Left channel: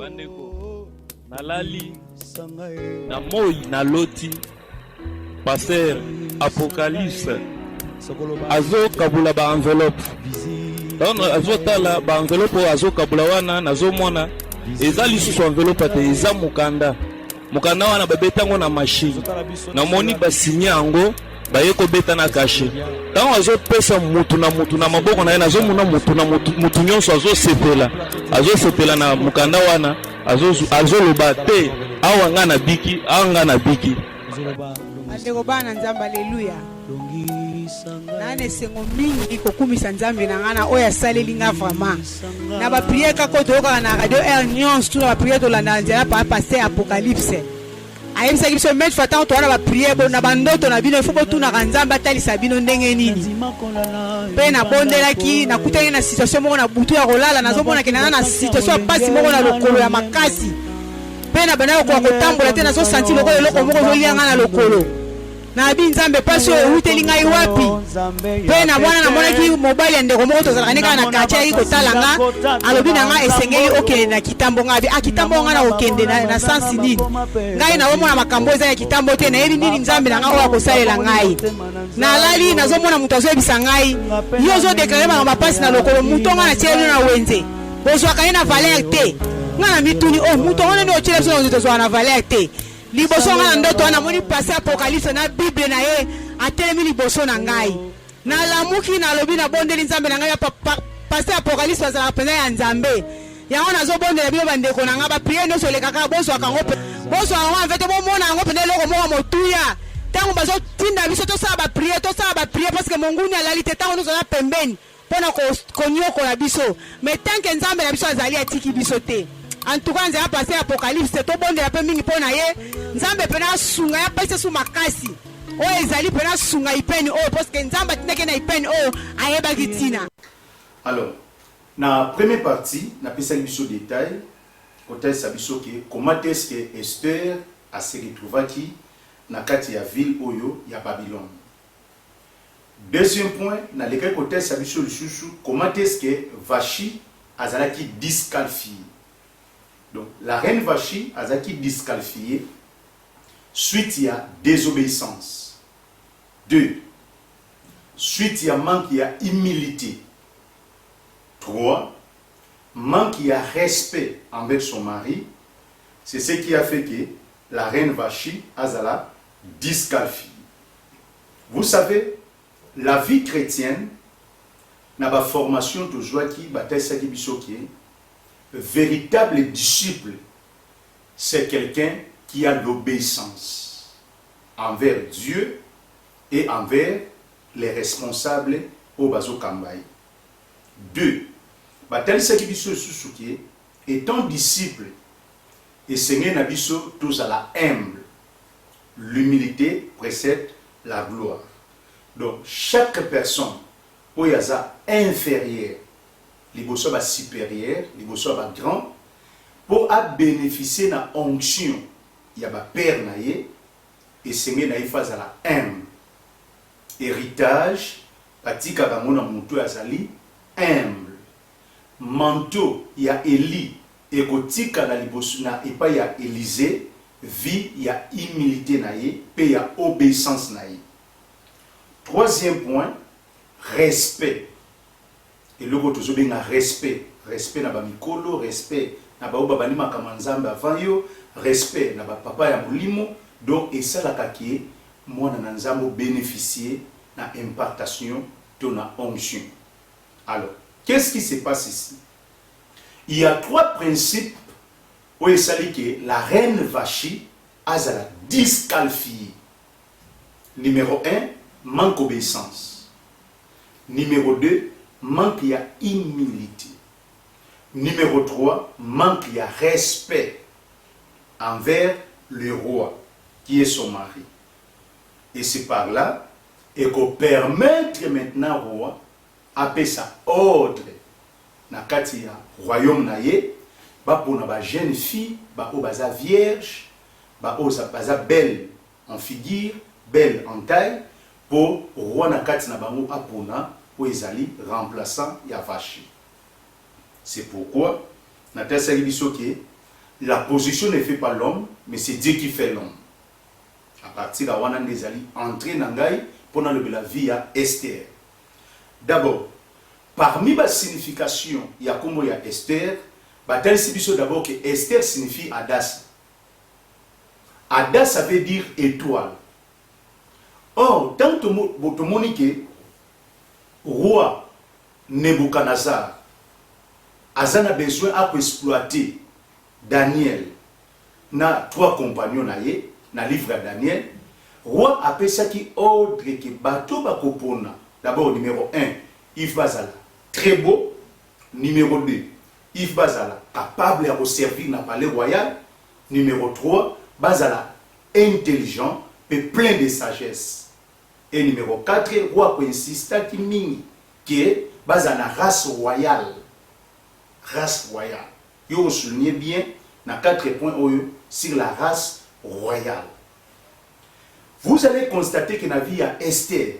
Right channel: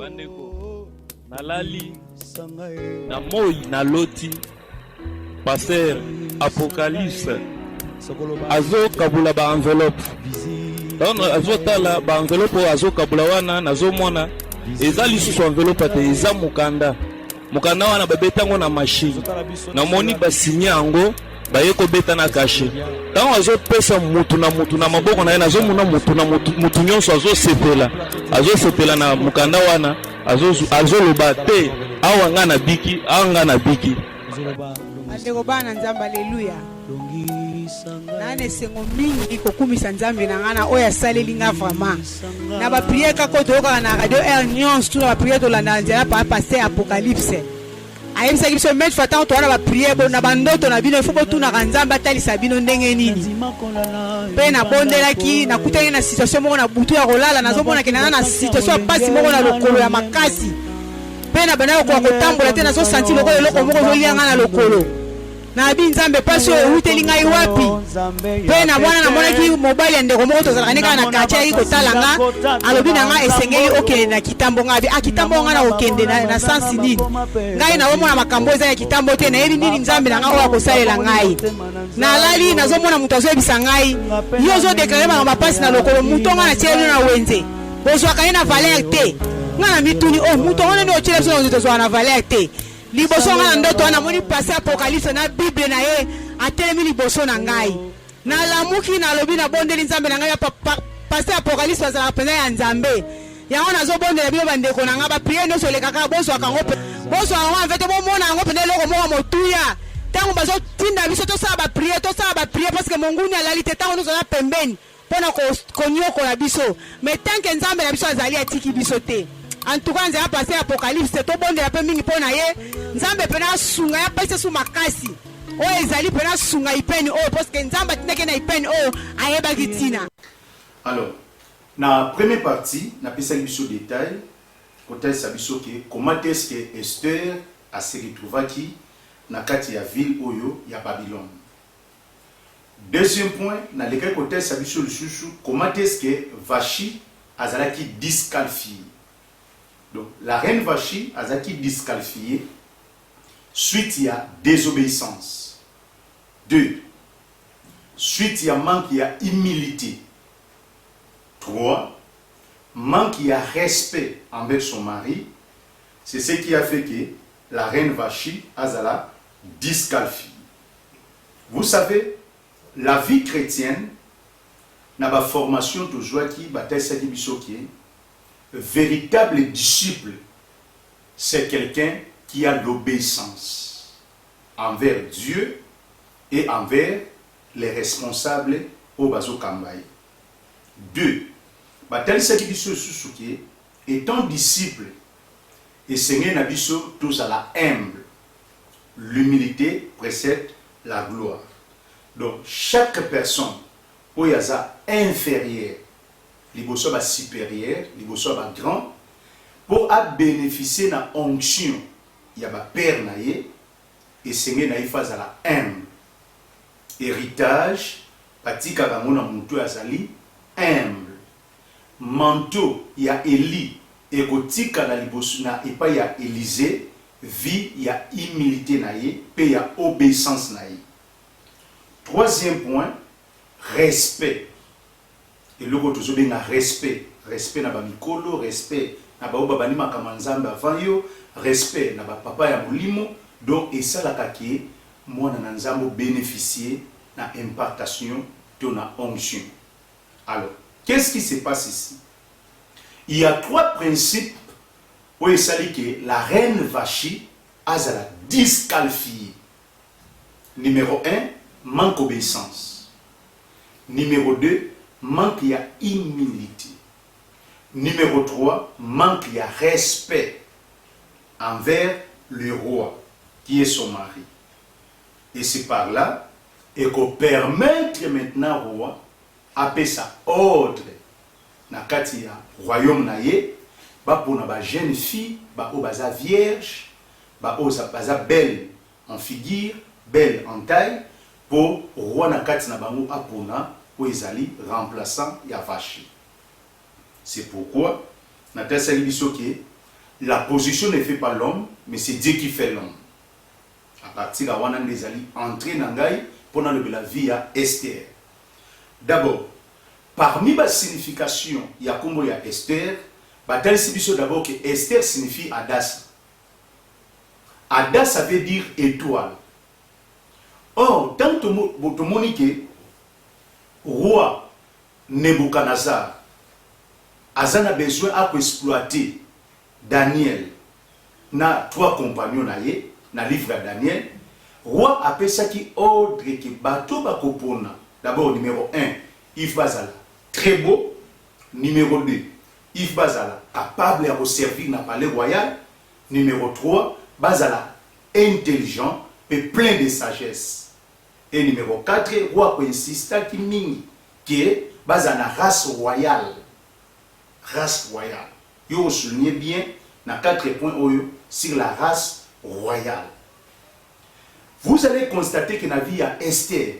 bandeko nalali na moi na loti pasteur Apocalypse azo kabula ba enveloppe donc azo tala ba enveloppe azo kabula wana nazo mona eza lisusu enveloppe te eza mukanda wana babetango na machine na moni basinye yango baye kobeta na kashe tango azo pesa mutu na maboko na ye nazo mona mutu nyonso azo sepela na mukanda wana azo loba te awa nga na biki andeko bana nzamba haleluya nane sengo mingi kokumisa nzambe na ngana oya saleli nga vraiment na ba prière kako toka na radio air nyonso na ba prière to landa nzela pa passer Apocalypse ayebisa biso mettre fata to wana ba prière bo na bandoto na bino ifo botuna ka nzamba talisa bino ndenge nini pe na bondelaki na kutenge na situation moko na butu ya kolala nazomona kenana na situation pasi moko na lokolo ya makasi pe na bana ko kotambola te nazo sentir lokolo eloko moko zolianga na lokolo na bi nzambe pasi o uteli ngai wapi pe na bwana na monaki mobile ya ndeko moko tozalaka nika na katia iko talanga alobi na nga esengeli okende na kitambo ngabi kitambo nga na okende na sensi nini ngai na omona makambo eza ya kitambo te na yebi nini nzambe na nga oya kosalela ngai na lali nazomona mutu azoyebisa ngai yo zo deklare makambo pasi na lokolo mutu nga na tieli na wenze bozwaka ye na valeur te nga na mituni mutu wana ni ochile biso na tozwa na valeur te liboso nga na ndoto wana moni passer Apocalypse na Bible na ye atelemi liboso na ngai na lamuki na lobi na bondeli nzambe na ngai passer Apocalypse azala pena ya nzambe yango nazobondela bino bandeko na nga ba priere nyonso lekaka bozwaka yango yango mvete bomona yango pena eloko moko motuya ntango bazotinda biso tosala ba priere parce que monguni alali te ntango tozala pembeni mpona konyokola biso mais tanke nzambe na biso azali atiki biso te. En tout cas, nzela passer Apocalypse to bonde la pe mingi pona ye nzambe pena sunga ya pesa su makasi o ezali pena sunga ipeni parce que nzamba tineke na ipeni ayeba kitina. Alors na première partie na pesa biso détail côté sabiso ke comment est-ce que Esther a se retrouvaki na kati ya ville oyo ya Babylone. Deuxième point na lequel côté sabiso lisusu comment est-ce que Vashi azalaki disqualifié. Donc, la reine Vashi a été disqualifiée suite à désobéissance. 2. Suite à manque à humilité. 3. Manque à respect envers son mari. C'est ce qui a fait que la reine Vashi a été disqualifiée. Vous savez, la vie chrétienne n'a pas formation toujours qui bataille sa qui véritable disciple, c'est quelqu'un qui a l'obéissance envers Dieu et envers les responsables au Bazo Kambaye. 2. Étant disciple, et Seigneur Nabiso, tous à la humble. L'humilité précède la gloire. Donc, chaque personne, où il y a inférieure, les bossons supérieurs, les bossons grand, pour bénéficier de la onction, il y a un père naïe et Seigneur naïe face à la humble. Héritage, patika bamona muntu azali humble. Manteau, il y a Élie, et kotika na liboso na et pas il y a Élisée, vie, il y a humilité naïe, puis il y a obéissance naïe. Troisième point, respect. Et le goto zo benga respect na ba mikolo, respect na ba babani makamanzambe avant yo, respect na ba papa ya mulimo, donc et ça la kaki mwana na nzambo bénéficier na impartation de na onction. Alors, qu'est-ce qui se passe ici? Il y a 3 principes où il s'agit que la reine Vashi a la disqualifiée. Numéro 1, manque d'obéissance. Numéro 2, manque de humilité. Numéro 3, manque de respect envers le roi, qui est son mari. Et c'est par là et qu'on permettre maintenant au roi à payer sa ordre na kati ya royaume na ye, ba pour na jeune fille, ba o baza vierge, ba o baza belle en figure, belle en taille, pour roi na kati na bango apona ou ezali remplaçant ya Vashi. C'est pourquoi na tesa libiso ke la position ne fait pas l'homme, mais c'est Dieu qui fait l'homme. À partir de là, on a entré dans la vie à Esther. D'abord, parmi les significations, il y a comme il y a Esther, d'abord que Esther signifie Adas. Adas, ça veut dire étoile. Or, tant que le roi Nebuchadnezzar a besoin d'exploiter Daniel, na 3 compagnons na livre de Daniel, roi appelle ça qui ordre que bateau bakopona. D'abord, numéro 1, il faut très beau. Numéro 2, il faut capable de servir dans le palais royal. Numéro 3, bazala intelligent et plein de sagesse. Et numéro 4, roi qui insiste qui est bazala race royale. Race royale. Vous soulignez bien dans 4 points sur la race royale. Vous allez constater que dans la vie à Esther,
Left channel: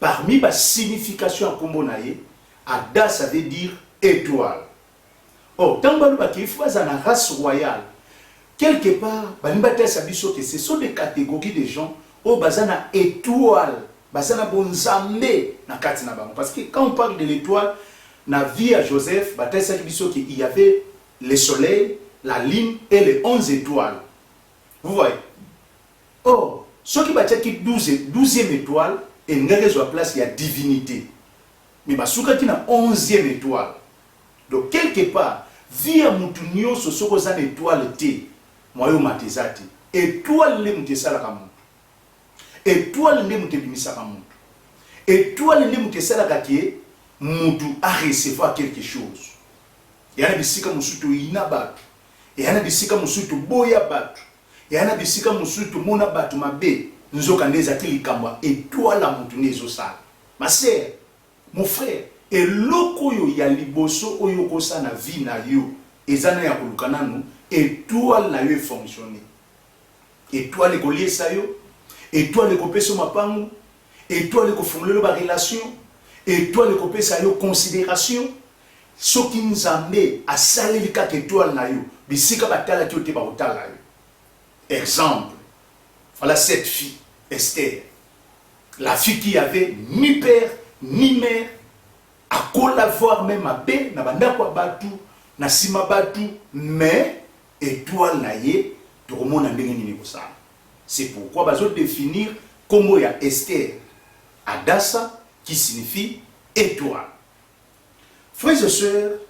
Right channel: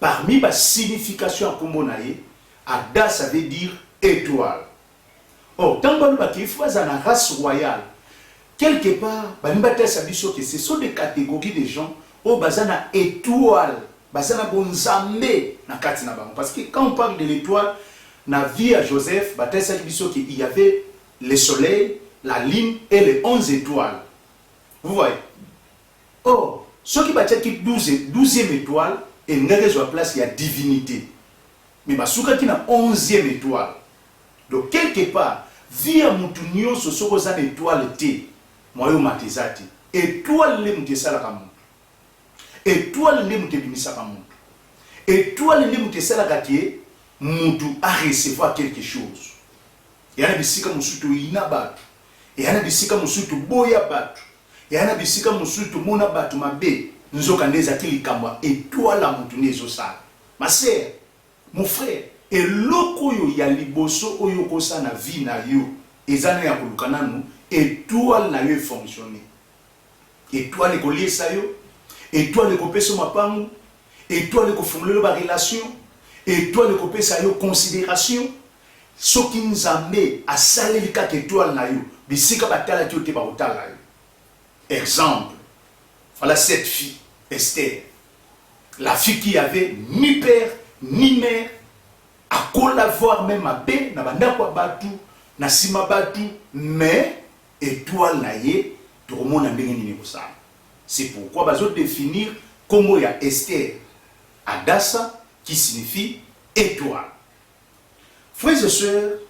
parmi les significations à Kombonaye, Ada ça veut dire étoile. Or, tant qu'il faut dans la race royale, quelque part, que ce sont des catégories de gens qui ont une étoile, parce que quand on parle de l'étoile, dans la vie à Joseph, il y avait le soleil, la lune et les 11 étoiles. Vous voyez? Or, ceux qui battent qui 12e étoile, et n'a pas place, il y a divinité. Mais ceux qui ont 11e étoile. Donc, quelque part, via Moutounio, ce sont des étoiles. Moi, je matizati. Étoile, les moutessala kamuntu. Étoile, les moutebimisa kamuntu. Étoile, les moutessala katie, moutou a recevoir quelque chose. Il y a des bisika musutu inabatu. Il y a des bisika musutu boya batu. Il y a des bisika musutu mona batu mabe. Nous avons des akili kamba. Étoile la moutou nezo sala. Ma sœur, mon frère, et loko yo ya liboso oyo kosa na vie na yo. Ezana ya kulukana nou. Étoile na yo fonctionner. Étoile ko lié sa yo. Étoile ko peso mapangu. Étoile ko fongolelo ba relation. Étoile ko pesa yo considération. Soki nzambe asaleli kaka étoile na yo. Bisika batala ki ote ba otala yo. Exemple. Voilà cette fille, Esther. La fille qui avait ni père ni mère. À collaborer même à bé, na banda kwa batu, na sima batu, mais étoile na ye, tout le monde a ndenge ça. C'est pourquoi bazo définir comment il y a Esther, Adassa, qui signifie étoile. Frères et sœurs,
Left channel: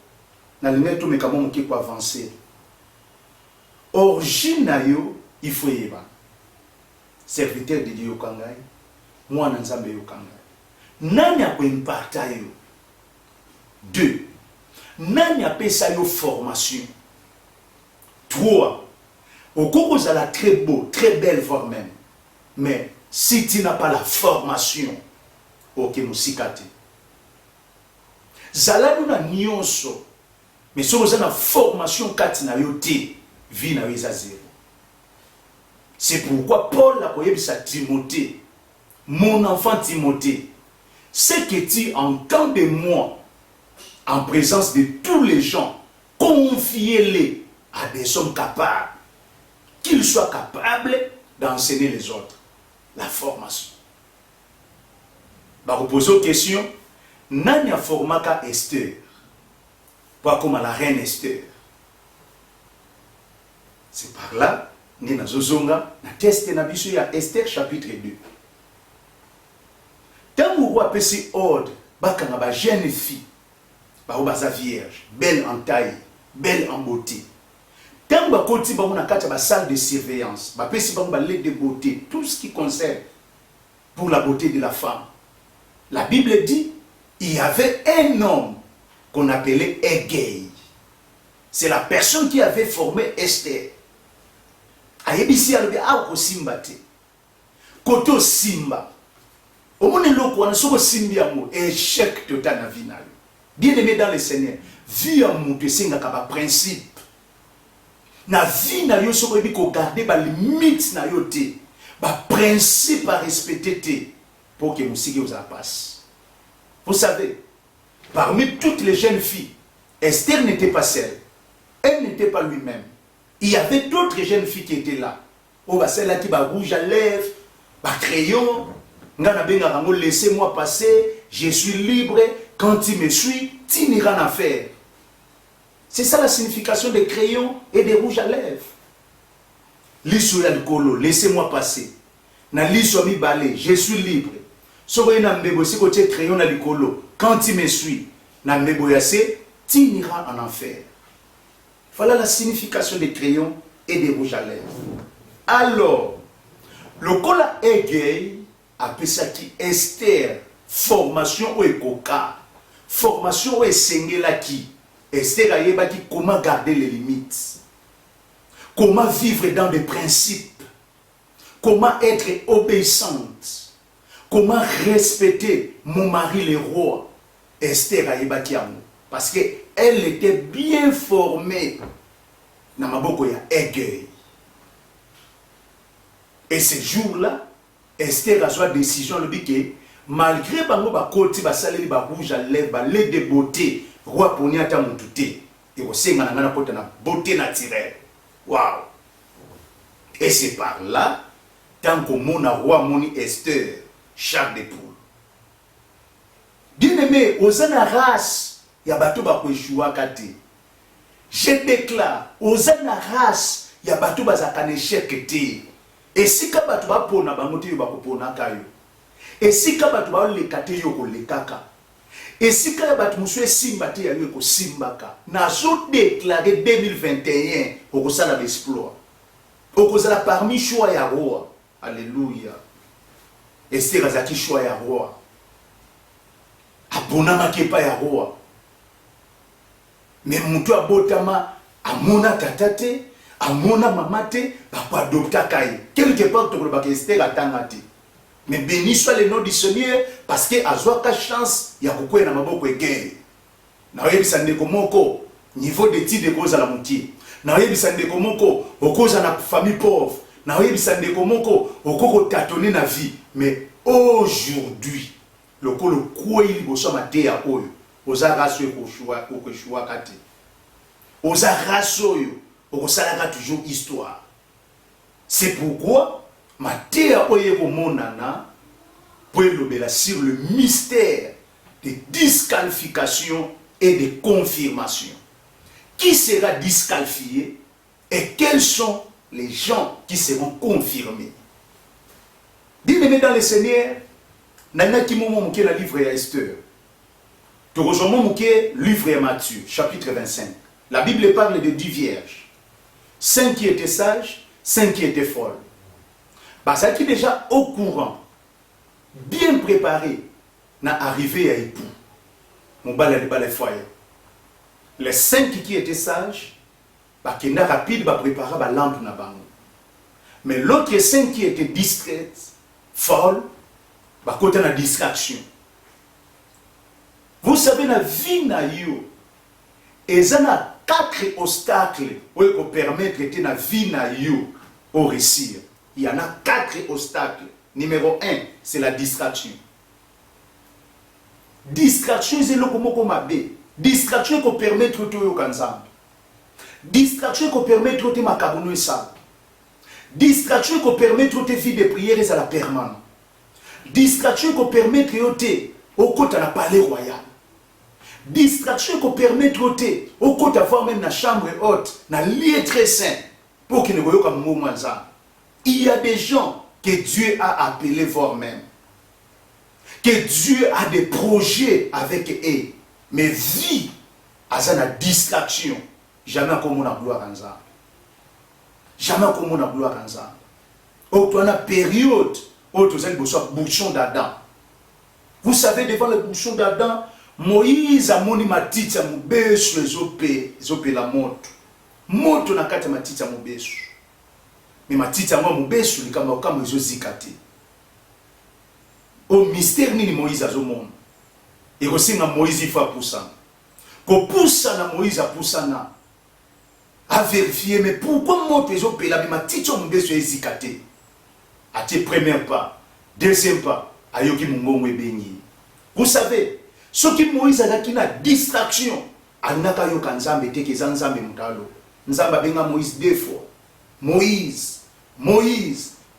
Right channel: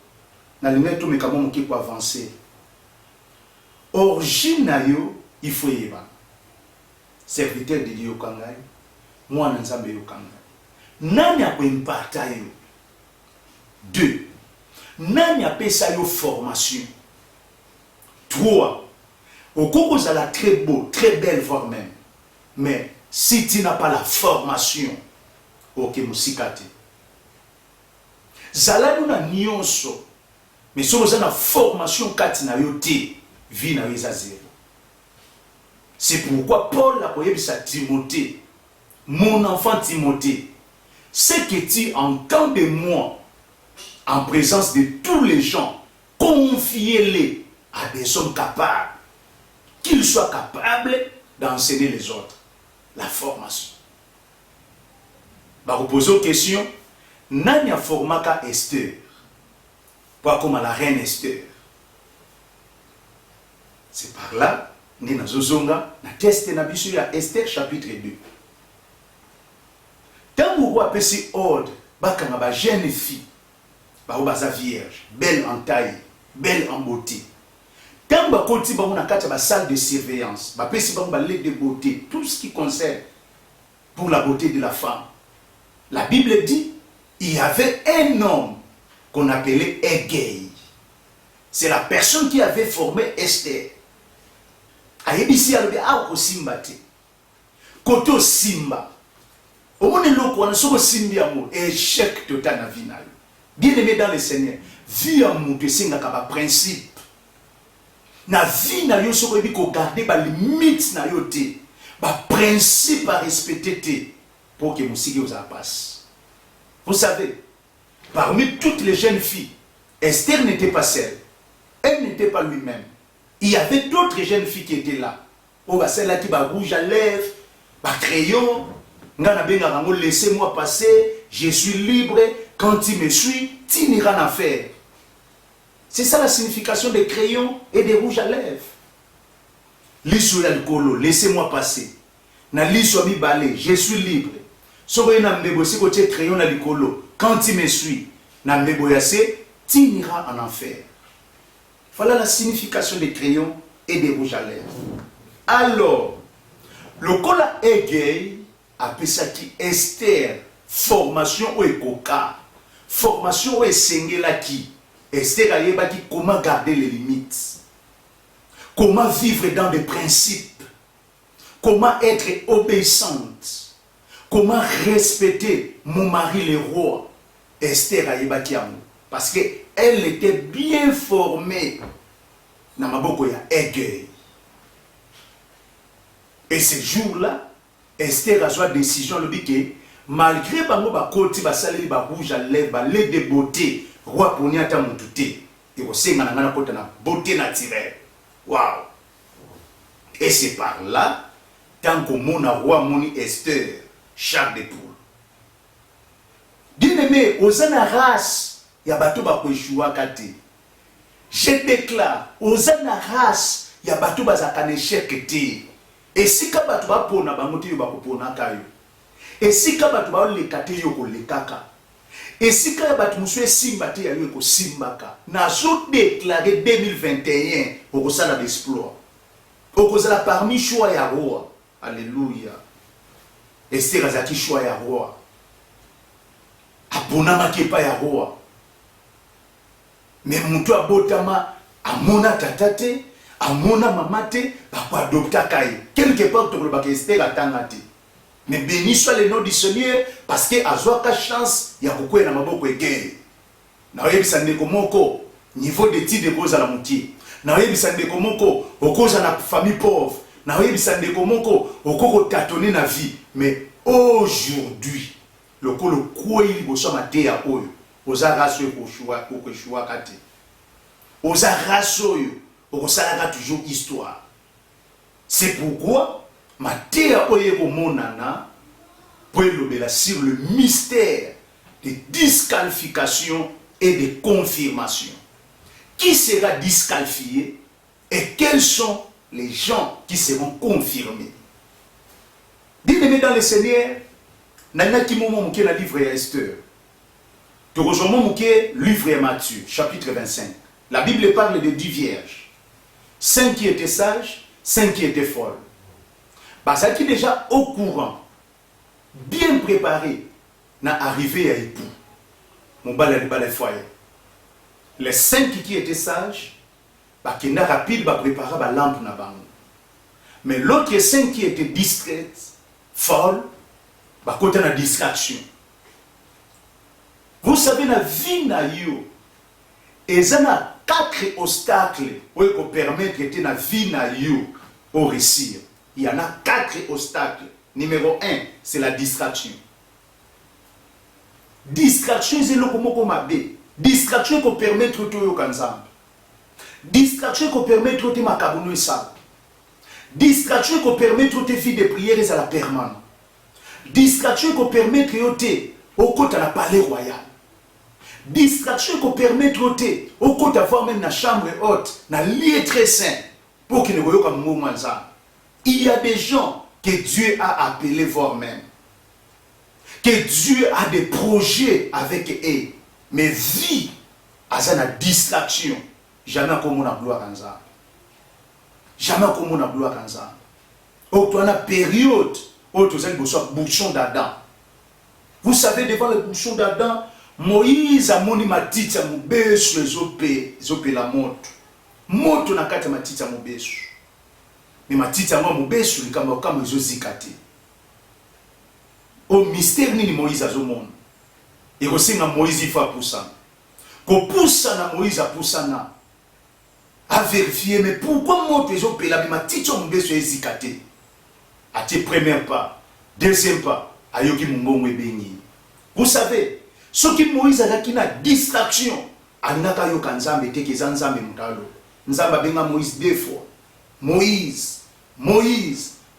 na limite tout mais comment on peut avancer. Origine na yo, il faut yeba. Serviteur de Dieu kangai, moi na nzambe yo kangai. Nani a imparta yo? 2. Nani appelle ça une formation. 3. Au cours de la très beau, très belle voire même. Mais si tu n'as pas la formation, ok, musikate. Zala nous na nyonso. Mais si vous avez la formation kati na yote, vie na yo zéro. C'est pourquoi Paul a dit à Timothée, mon enfant Timothée, ce que tu entends de moi, en présence de tous les gens, confiez-les à des hommes capables, qu'ils soient capables d'enseigner les autres. La formation. Je vais vous poser une question. Nani a formé Esther? Pas comme la reine Esther. C'est par là, nous avons un test de Esther chapitre 2. Tant que vous avez ce ordre, vous avez une jeune fille. Baza vierge, belle en taille, belle en beauté. Tant que vous avez une salle de surveillance, vous avez une lettre de beauté, tout ce qui concerne pour la beauté de la femme. La Bible dit, il y avait un homme qu'on appelait Egei. C'est la personne qui avait formé Esther. Ayebisi alobi a ko simba te. Koto simba. Omone loko wana soko simbi amour, échec total na vie na yo. Bien-aimé dans le Seigneur, vie en mouté singa kaba principe. Na vie na yo soko ebi ko garder ba limite na yo te, ba principe à respecter te pour que musiki vous passe. Vous savez, parmi toutes les jeunes filles, Esther n'était pas seule. Elle n'était pas lui-même. Il y avait d'autres jeunes filles qui étaient là. Oh, bah, celle-là qui va rouge à lèvres, bah, crayon. Laissez-moi passer, je suis libre. Quand tu me suis, tu n'iras rien à faire. C'est ça la signification des crayons et des rouges à lèvres. Liso ya likolo, laissez-moi passer. Na liso mi balé, je suis libre. Sokoye na mbebo si côté crayon na likolo, quand tu me suis, na mbebo yase, tu n'iras en enfer. Voilà la signification des crayons et des rouges à lèvres. Alors, le kola Egei appelle ça qui Esther, formation ou ekoka, formation ou esengela qui Esther a yeba qui comment garder les limites, comment vivre dans des principes, comment être obéissante, comment respecter mon mari le roi. Esther a yeba qui amour parce que elle était bien formée dans maboko ya Egei. Et ce jour-là, Esther a joué décision le biquet, malgré bango ba koti ba saleli ba rouge à lèvres, ba lait de beauté, roi poni ata mututé, et au senga na kota na beauté naturelle. Waouh! Et c'est par là, tant que mon roi moni Esther, chaque des poules. Bien aimé, aux race, ya bato ba kweshua kate. Je déclare, aux race, ya bato ba zakane chekete. Et si kabatu ba pona bangote yo ba kopona kayo. Et si kabatu ba lekate yo ko lekaka. Et si kabatu muswe simba te ya yo ko simbaka. Na zo déclarer 2021 au sala d'exploit. Au sala parmi choix ya roi. Alléluia. Esther azaki choix ya roi. Apona makepa ya roi. Mais mutu abotama amona tatate. Amona mamate, papa adopta kai. Quelque part, tu peux Esther atangati. Mais béni soit le nom du Seigneur, parce que azwaka chance, ya kukwe na maboko egei. Na oyebi sandeko moko, niveau d'étude de cause à la moitié. Na oyebi sandeko moko, au cause à la famille pauvre. Na oyebi sandeko moko, au cause tâtonner na vie. Mais aujourd'hui, le kolo koué il bosso matéa oyo. Oza raso ko shua kate. Oza raso yo. Ça a toujours histoire. C'est pourquoi ma terre oyeko monana pour l'obéir sur le mystère des disqualifications et des confirmations. Qui sera disqualifié et quels sont les gens qui seront confirmés? Bien-aimé dans le Seigneur, nana ki momo mouké la livre ya Esther. Tu rejoins mouké livre ya Matthieu, chapitre 25. La Bible parle de 10 vierges. 5 qui étaient sages, 5 qui étaient folles. Bah, ça qui est déjà au courant, bien préparé, n'a arrivé à époux. Mon balai de foyer. Les 5 qui étaient sages, bah, qui n'a rapide, bah, préparer la lampe na bango. Mais l'autre 5 qui étaient discrètes, folles, bah, côté la distraction. Vous savez, la vie na yo, et ça n'a 4 obstacles qui permettent de la vie au réussir. Il y en a 4 obstacles. Numéro 1, c'est la distraction. Distraction, c'est le comme mabé. Distraction qui permet de te kanzambe. Distraction qui permet de te makabuno et sale. Distraction qui permet de te vie de prières à la permanence. Distraction qui permet de te au côté de la palais royal. Distraction qui permet de te au côté d'avoir même la chambre haute, dans le lieu très saint, pour qu'il ne voie comme moment ça. Il y a des gens que Dieu a appelés voir même. Que Dieu a des projets avec eux. Mais vie, à la distraction, jamais comme on a gloire en ça. Jamais comme on a gloire en ça. Au toi, la période où tu as le bouchon d'Adam. Vous savez, devant le bouchon d'Adam, Moïse a moni matiti ya mubesu ezope la moto. Moto na kati matiti ya mubesu. Mais matiti ya mubesu likamba kama ezozikate. Au mystère nini Moïse azomona. Et aussi na Moïse il faut poussa. Ko poussa na Moïse a poussa na. A vérifier mais pourquoi moto ezope la matiti ya mubesu ezikate. A te premier pas, deuxième pas, ayoki mungongo ebengi. Vous savez, ce qui Moïse a une distraction, anaka yo kanzambe teke zanzambe mutalo. nzamba benga Moïse deux fois. Moïse,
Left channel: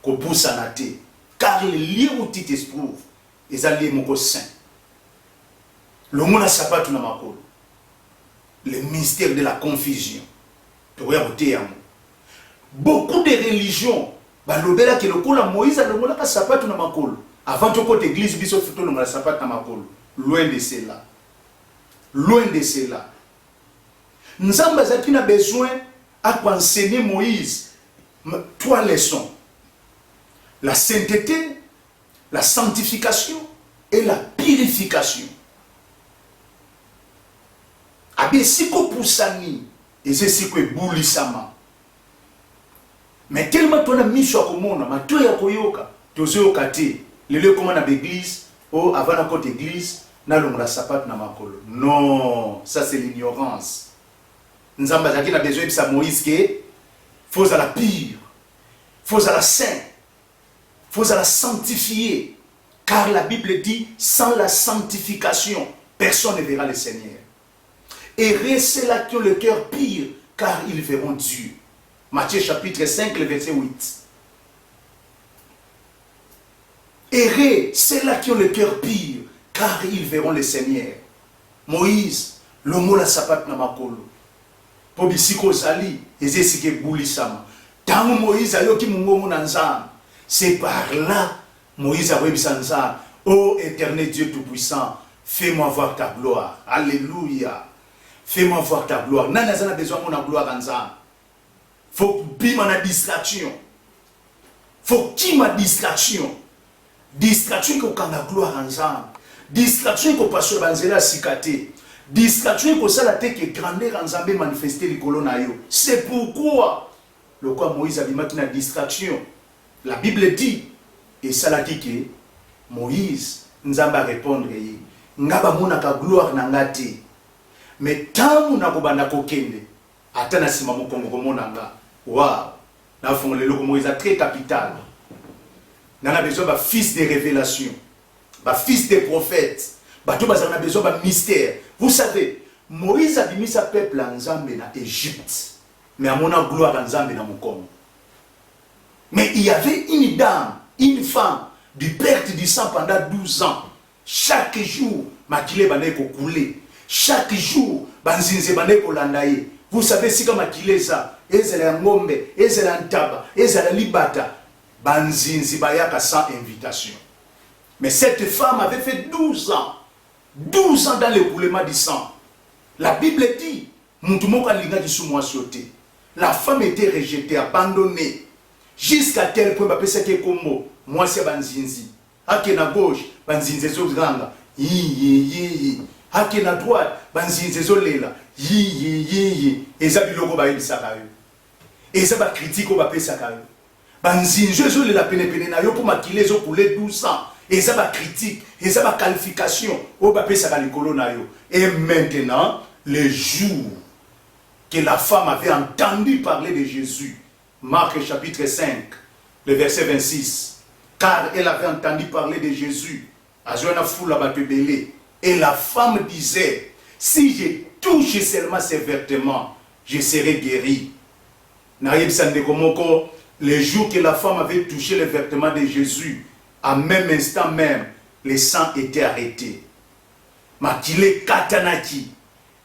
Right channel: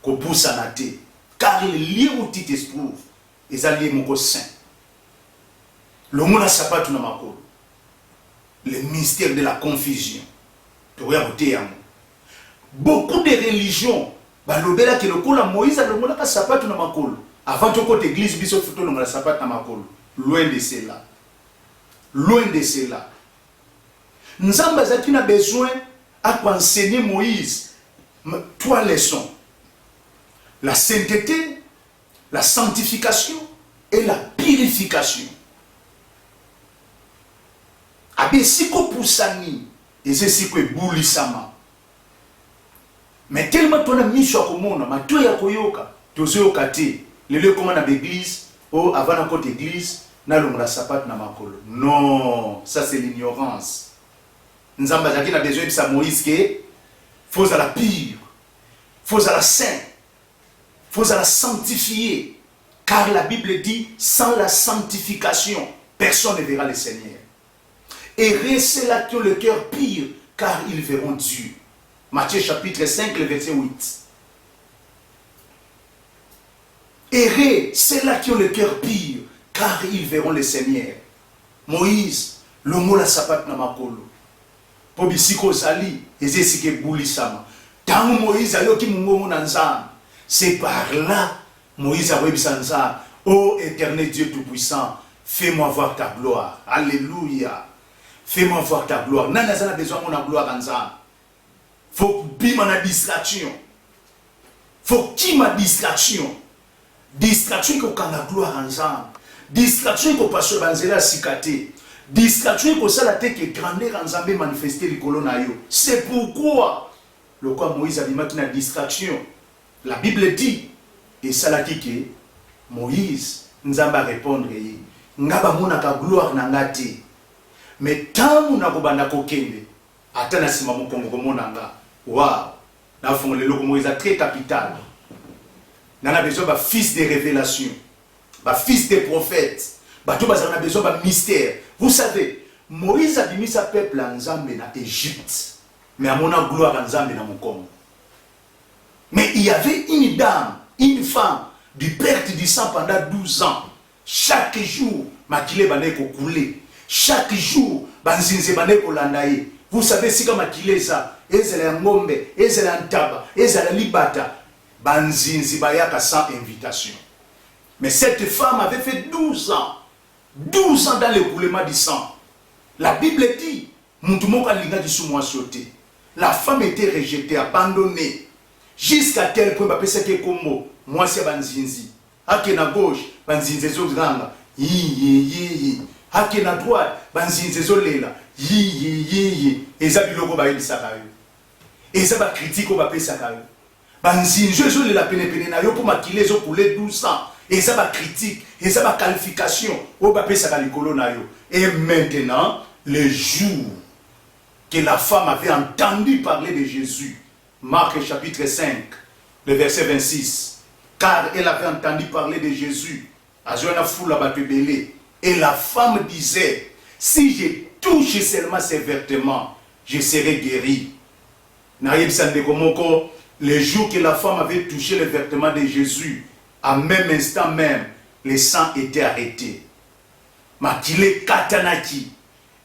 ko poussa na te. Car le lieu où tu t'esprouves, est allié mon saint. Le monde a sapato na makolo. Le mystère de la confusion. Beaucoup de religions, balobela ke lokola Moïse a lokola ka sapato na makolo. Avant de côté église biso futo lokola sapato na makolo. Loin de cela. Loin de cela. Nzamba zaki na besoin à enseigner Moïse trois leçons. La sainteté, la sanctification et la purification. Abe siko poussani et c'est siko boulisama. Mais tellement ton ami chokomona, ma toi ya koyoka, tozo kate, le lieu comment na l'église, ou avant la côte église, na longa sapat na makolo. Non, ça c'est l'ignorance. Nzamba zaki na besoin de sa Moïse que faut à la pure, faut à la saint, faut à la sanctifier, car la Bible dit sans la sanctification, personne ne verra le Seigneur. Et ceux-là qui ont le cœur pur, car ils verront Dieu. Matthieu chapitre 5, le verset 8. Errez ceux-là qui ont le cœur pur, car ils verront le Seigneur. Moïse, le mot la sapat na makolo. Pobisiko sali, ezesike boulisama. Tant Moïse a yoki mungomo nanzam. C'est par là, Moïse a webisa nzam. Ô éternel Dieu tout-puissant, fais-moi voir ta gloire. Alléluia. Fais-moi voir ta gloire. Nana zana besoin de la gloire nzam. Faut que ma distraction. Faut qu'il ma distraction. Distraction ko kanga gloire ensemble. Distraction ko passe banzela sikate. Distraction ko sala te que grandeur ensemble manifester le colon na yo. C'est pourquoi le quoi Moïse a dit na distraction. La Bible dit et sala kike Moïse nzamba répondre yi. Ngaba mona ka gloire na ngate. Mais tant na ko banda ko kende. Atana sima mo kongo ko monanga. Waouh. Na fond le loko Moïse très capital. On a besoin d'un fils de révélation, d'un fils de prophète. On a besoin d'un mystère. Vous savez, Moïse a mis sa peuple en Zambie en Égypte. Mais à mon gloire en Zambie dans mon corps. Mais il y avait une dame, une femme, du perte du sang pendant 12 ans. Chaque jour, makile bane ko coulé. Chaque jour, banzinze bane ko landaye. Vous savez si comme makile ça, ezela ngombe, ezela ntaba, ezela libata. Banzinzi bayaka sans invitation. Mais cette femme avait fait 12 ans. 12 ans dans l'écoulement du sang. La Bible dit, la femme était rejetée, abandonnée. Jusqu'à tel point, moi c'est banzinzi. Hake na gauche, banzinzi zo granga. Hake na droite, banzinzi zo lela. Et ça biloko ba yebisaka yo. Et ça ba critique ba pesaka yo. Banzinzo les la pene na yo pour makile zo couler 12 ans et ça va critique et ça va qualification au papé ça va likolo na yo. Et maintenant le jour que la femme avait entendu parler de Jésus, Marc chapitre 5 le verset 26, car elle avait entendu parler de Jésus azona foule la batebele et la femme disait si je touche seulement ses vêtements je serai guéri. Na yebsande komoko. Le jour que la femme avait touché le vêtement de Jésus, à même instant même, le sang était arrêté. Makile katanaki,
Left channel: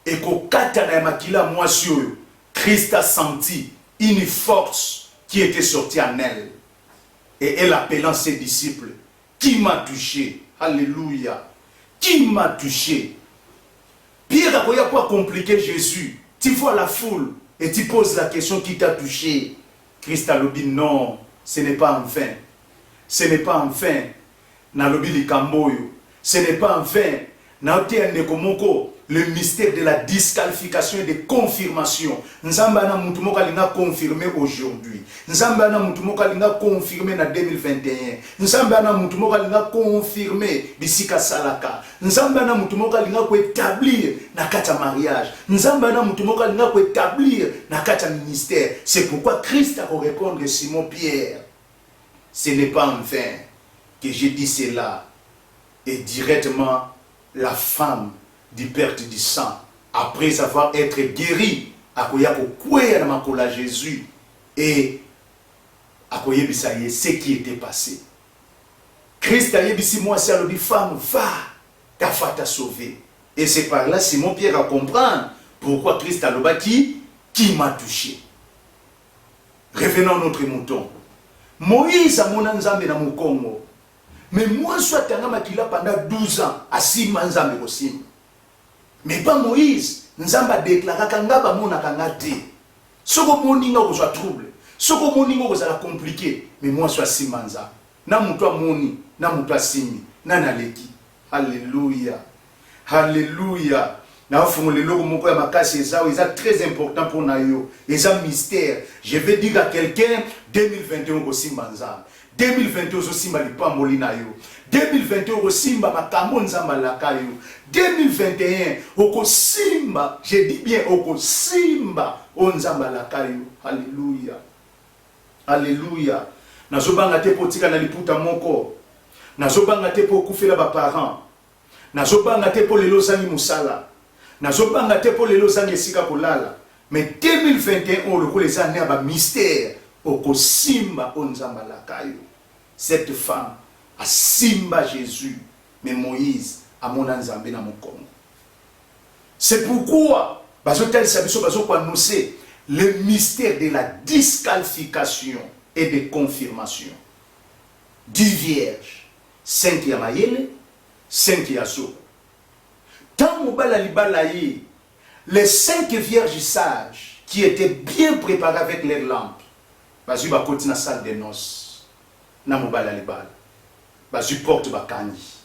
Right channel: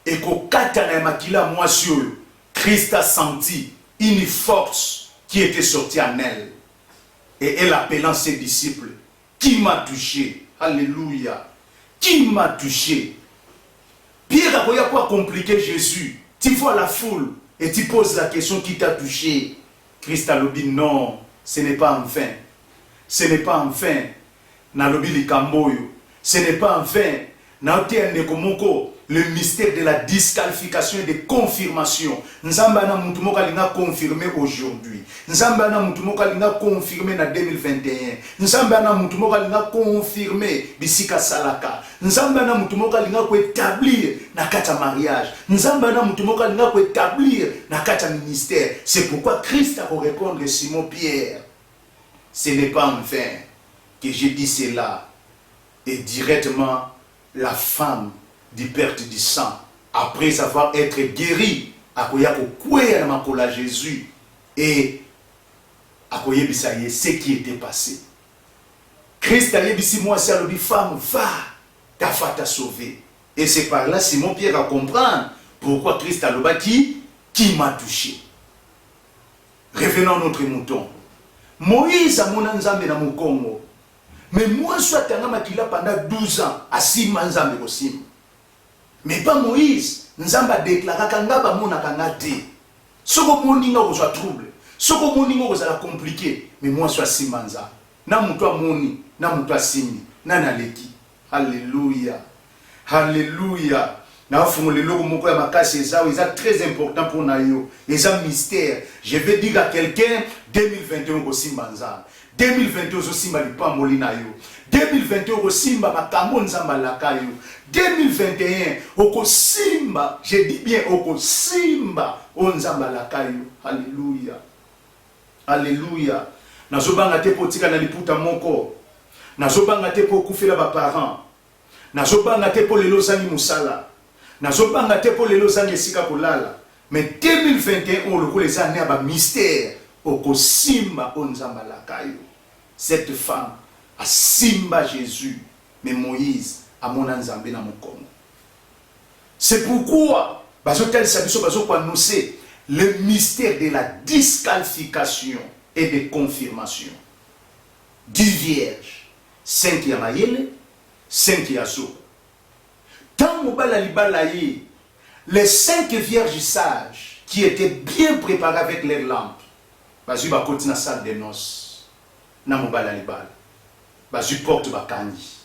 et ko katana makila moisio, Christ a senti une force qui était sortie en elle. Et elle appelant ses disciples, qui m'a touché? Alléluia. Qui m'a touché? Pierre a quoi compliquer Jésus? Tu vois la foule et tu poses la question qui t'a touché. Christ a dit non, ce n'est pas en vain. Ce n'est pas en vain. Na lobi likamboyo. Ce n'est pas en vain. Na otiende komoko le mystère de la disqualification et de confirmation. Nzamba na mutu moka linga confirmé aujourd'hui. Nzamba na mutu moka linga confirmé na 2021. Nzamba na mutu moka linga confirmé bisika salaka. Nzamba na mutu moka linga ko établir na kata mariage. Nzamba na mutu moka linga ko établir na kata ministère. C'est pourquoi Christ a répondre Simon Pierre. Ce n'est pas en vain que j'ai dit cela. Et directement la femme du perte du sang, après avoir été guérie akoya kokweya na makola Jésus et akoyebisa ye ce qui était passé. Christ a yebisi moi si alobi femme va, ta foi t'a sauvé. Et c'est par là Simon Pierre a comprendre pourquoi Christ a loba qui m'a touché. Revenons à notre mouton. Moïse a mon nzambe na mukongo. Mais moi soit tanga makila pendant 12 ans à sima nzambe kosim. Mais pas Moïse, nzamba déclara kanga ba mona kanga te. Soko moninga ko soit trouble. Soko moninga ko sala compliqué, mais moi soit sima nzambe. Na muto moni, na muto simi, na naleki. Alléluia. Alléluia. Na fumule loko moko ya makasi ezao, c'est très important pour nayo. C'est un mystère. Je vais dire à quelqu'un 2021 ko simba nzambe. 2021 zo simba lipamboli na yo. 2021 ko simba makambo nzamba lakayo. 2021 oko simba, je dis bien oko simba o nzamba lakayo. Alléluia. Alléluia. Nazobanga te potika na liputa moko. Nazobanga te po kufela ba parents. Nazobanga te po lelo zangi musala. Nazobanga te po lelo zangi esika kolala. Mais 2021 on le les années ba mystère oko simba o nzamba lakayo. Cette femme a simba Jésus, mais Moïse a mon nzambe na mokongo. C'est pourquoi bazotel sabiso bazoko annoncer le mystère de la disqualification et de confirmation du vierge 5 ya mayele 5 ya zo. Tant mobala libala yi, les 5 vierges sages qui étaient bien préparées avec leurs lampes, bazu ba koti na salle de noces na mobala libala bazu porte bakani.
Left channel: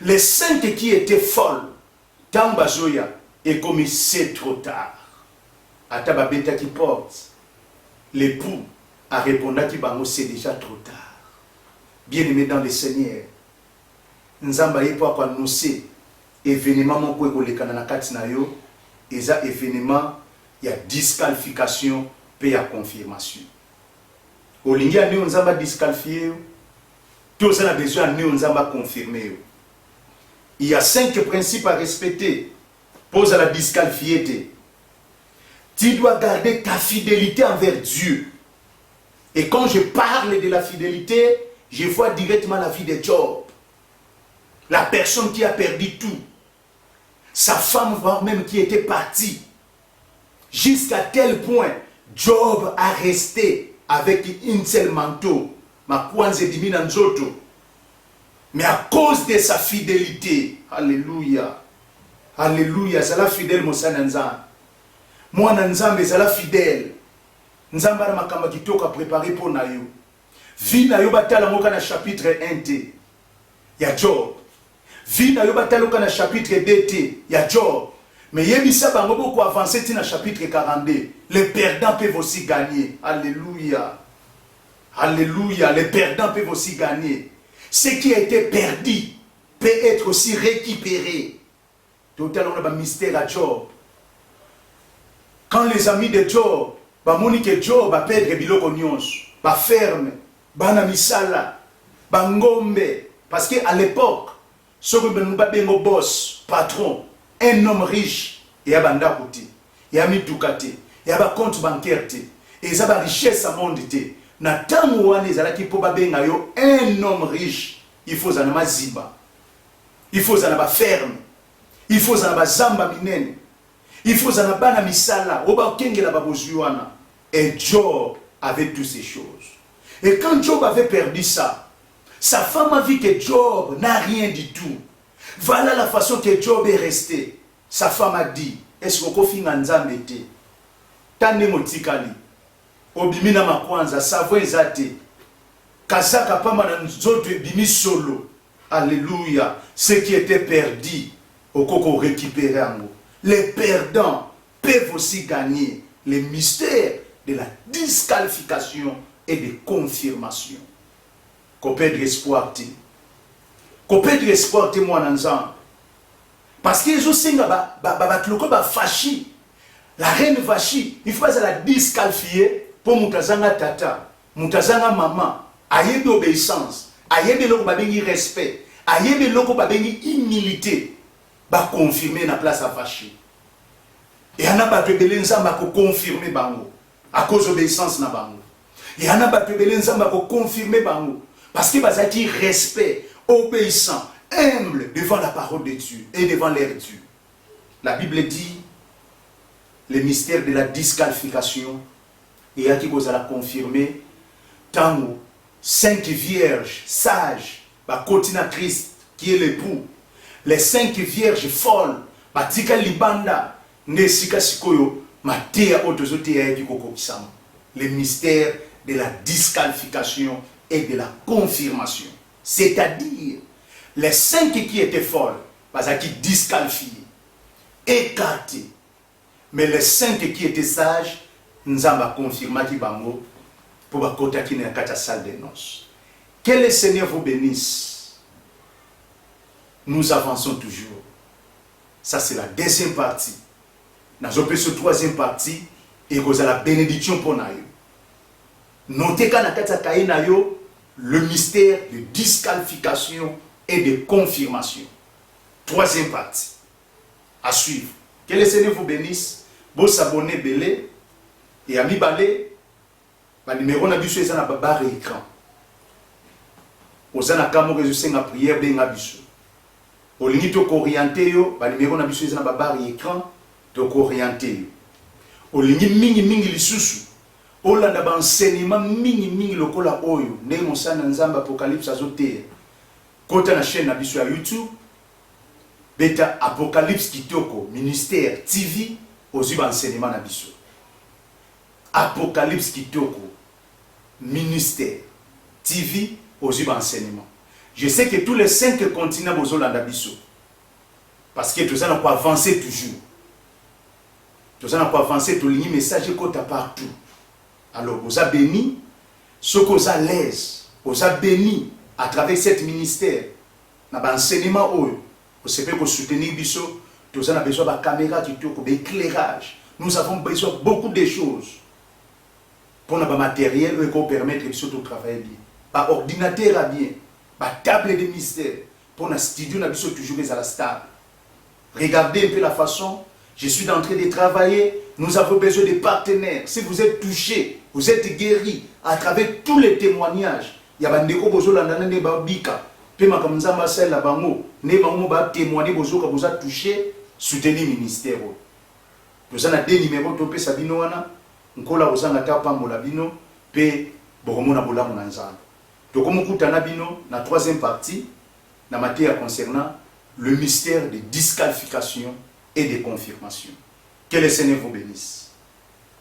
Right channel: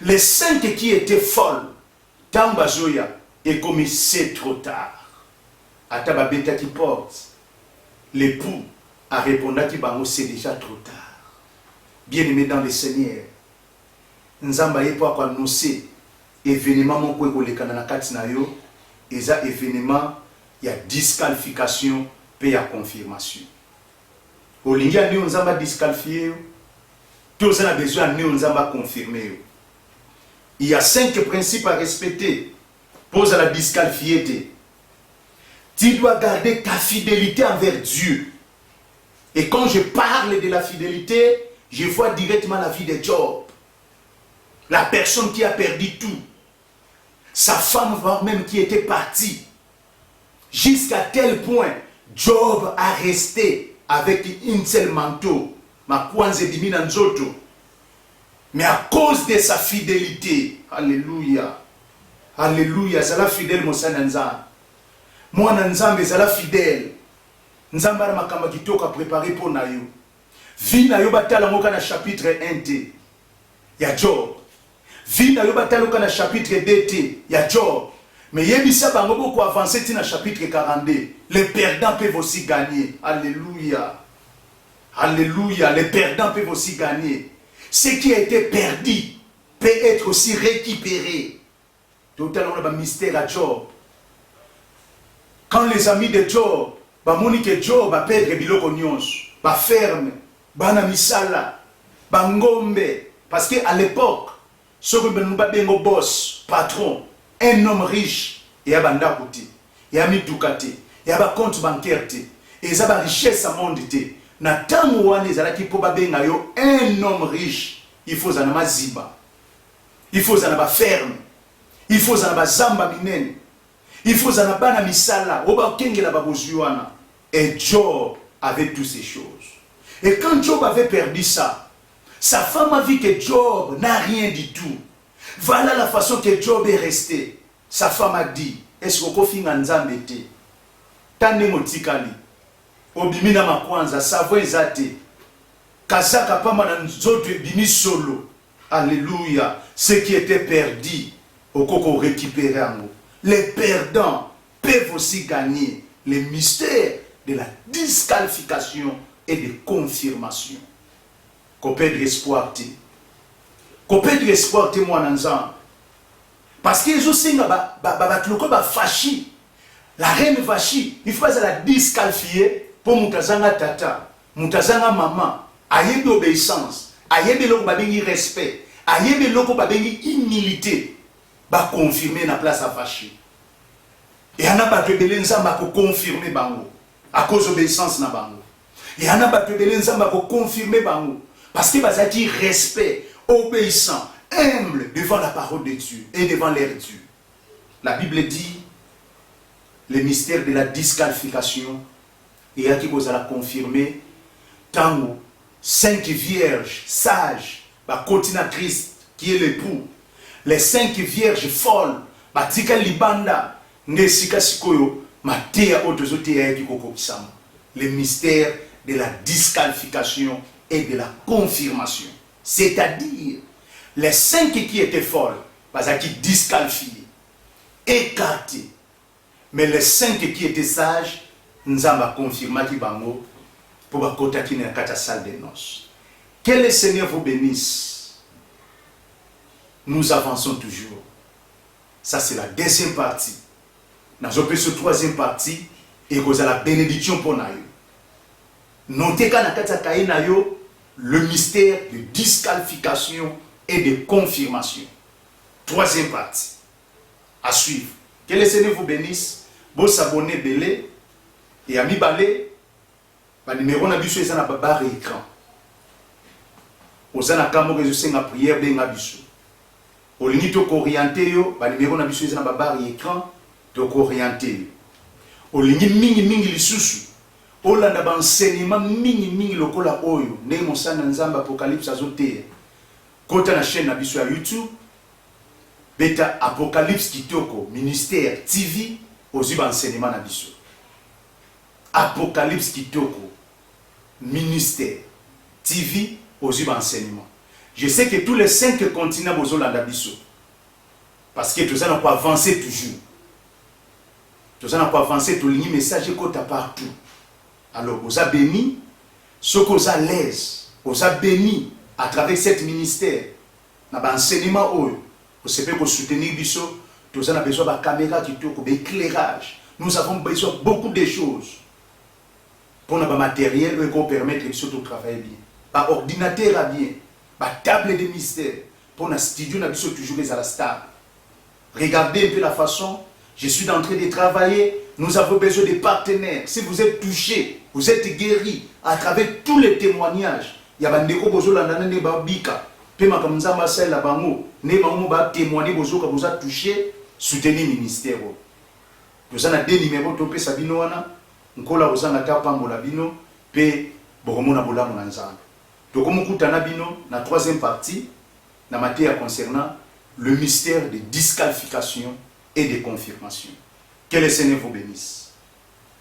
Les 5 qui étaient folles, tant bazoya et comme c'est trop tard. Ata babeta qui porte, l'époux a répondu qu'il c'est déjà trop tard. Bien-aimé dans le Seigneur, nzamba yepo kwa annoncer événement mon ko ekoleka na kati na yo, eza événement ya disqualification pe ya confirmation. Olingi ane nzamba disqualifier yo, tous on a besoin ane nzamba confirmer yo. Il y a 5 principes à respecter pour la disqualifier. Tu dois garder ta fidélité envers Dieu. Et quand je parle de la fidélité, je vois directement la vie de Job. La personne qui a perdu tout. Sa femme, voire même qui était partie. Jusqu'à tel point, Job a resté avec une seule manteau. Ma kwanze dimina nzoto. Mais à cause de sa fidélité, alléluia, alléluia, c'est la fidèle Mosananza. Moi, Nanzambe, c'est la fidèle. Nzamba na makamba kitoka préparé pour nayo. Vi na yo batala ngoka na chapitre 1t. Ya Job. Vi na yo batala ngoka na chapitre 2t. Ya Job. Mais yebisa bango beaucoup avancer na chapitre 42. Les perdants peuvent aussi gagner. Alléluia. Alléluia. Les perdants peuvent aussi gagner. Ce qui a été perdu peut être aussi récupéré. Tout à l'heure, on a un mystère à Job. Quand les amis de Job, Monique Job a perdre biloko nyonso, ba ferme, bana misala, ba ngombe, parce que à l'époque, ce que nous bengo boss, patron, un homme riche, et y a banda kuti, y a midukate, y a ba compte bancaire te, et ça ba richesse à monde te. Na tamu wane zalaki po ba benga yo un homme riche, il faut zanama ziba. Il faut zanaba ferme. Il faut zanaba zamba minene. Il faut zanaba na misala, oba kengela babozuana. Et Job avait toutes ces choses. Et quand Job avait perdu ça, sa femme a vu que Job n'a rien du tout. Voilà la façon que Job est resté. Sa femme a dit, est-ce qu'on peut faire un zambete? Tande motikali. Obimina makwanza, savo ezate. Kazaka pama na nzoto bimi solo. Alléluia. Ce qui était perdu, au coco récupéré en haut. Les perdants peuvent aussi gagner les mystères de la disqualification et de confirmation. Qu'on perd espoir. Qu'on perd espoir, moi, nanzan. Parce qu'ils ont dit que Fachi, la reine Vachi, il faut la disqualifier pour Moutazanga tata, Moutazanga maman, ayebe obéissance, ayebe loko babengi respect, ayebe loko babengi humilité, ba confirmer na place à Vachi. Et on a pas rebelle nzamba ko confirmer bango à cause d'obéissance na bango. Et on a pas rebelle nzamba ko confirmer bango parce que bazaki respect, obéissant, humble devant la parole de Dieu et devant l'air Dieu. La Bible dit le mystère de la disqualification et à qui vous allez confirmer tango 5 vierges sages ba continue Christ qui est l'époux, les 5 vierges folles ba tika libanda nesika sikoyo matea otozotea kikoko kisama. Le mystère de la disqualification et de la confirmation, c'est-à-dire les 5 qui étaient folles bazaki disqualifiés, écartés, mais les 5 qui étaient sages nzamba confirma ki bango pour bakota ki na kata salle des noces. Que le Seigneur vous bénisse. Nous avançons toujours. Ça c'est la deuxième partie. Dans la troisième partie, et vous avez la bénédiction pour nous. Notez qu'à le mystère de disqualification et de confirmation. Troisième partie. À suivre. Que le Seigneur vous bénisse. Vous s'abonnez belé et à mi balé. Le numéro na biso eza na barre écran. Ozana kamo que je sais na prière benga biso. Olingi to orienté yo, ba numéro na biso eza na barre écran. Donc orienté. Olingi mingi lisusu. Olanda ba enseignement mingi lokola oyo. Ne mosana nzamba apocalypse azote. Kota na chaîne na biso ya YouTube. Beta Apocalypse Kitoko ministère TV ozi ba enseignement na biso. Apocalypse Kitoko ministère TV ozi ba enseignement. Je sais que tous les 5 continents bozolanda biso. Parce que tout ça n'a pas avancé toujours. Tout ça n'a pas avancé, tout le message est partout. Alors, vous avez béni, ce que vous avez l'aise, vous avez béni à travers cet ministère, dans l'enseignement, vous savez que soutenir biso, tout ça a besoin de caméra, d'éclairage. Nous avons besoin de beaucoup de choses pour notre matériel et pour permettre de travailler bien. Par ordinateur à bien, par table de mystère, pour notre studio, nous avons toujours à la stable. Regardez un peu la façon. Je suis en train de travailler. Nous avons besoin de partenaires. Si vous êtes touchés, vous êtes guéris à travers tous les témoignages. Il y a des gens qui ont bika. Puis ma comme ça, Marcel la bango. Ne bango ba témoigner bozo que vous a touché. Soutenir ministère. Nous avons des numéros topé sabino wana. Nkola ozanga ta pambola bino. Pe boromona bola monanzana. Donc comme kutana bino na troisième partie, na matière concernant le mystère de disqualification et de confirmation. Que le Seigneur vous bénisse.